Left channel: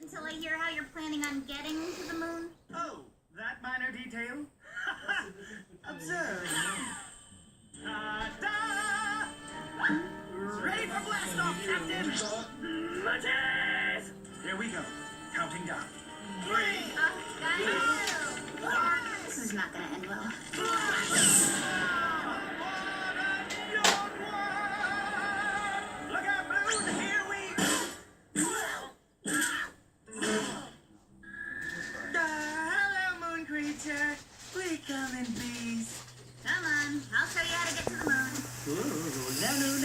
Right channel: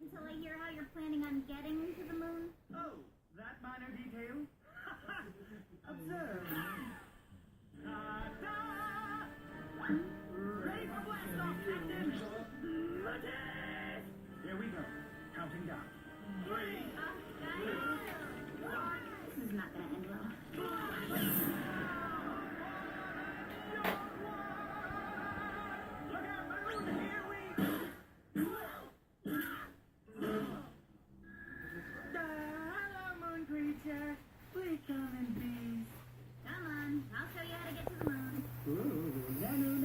until I hear how you're planning on getting to the moon? Oh, that minor detail? Observe. Ta-da! Ready for blast-off, Captain! Matches! Here we go. Counting down. 3, Guys, this is not gonna end well. Look out, Moon! Here we... hello, Moon creature. We come in peace. Come on, I'll show you how to get to the moon. Ooh, Nanu,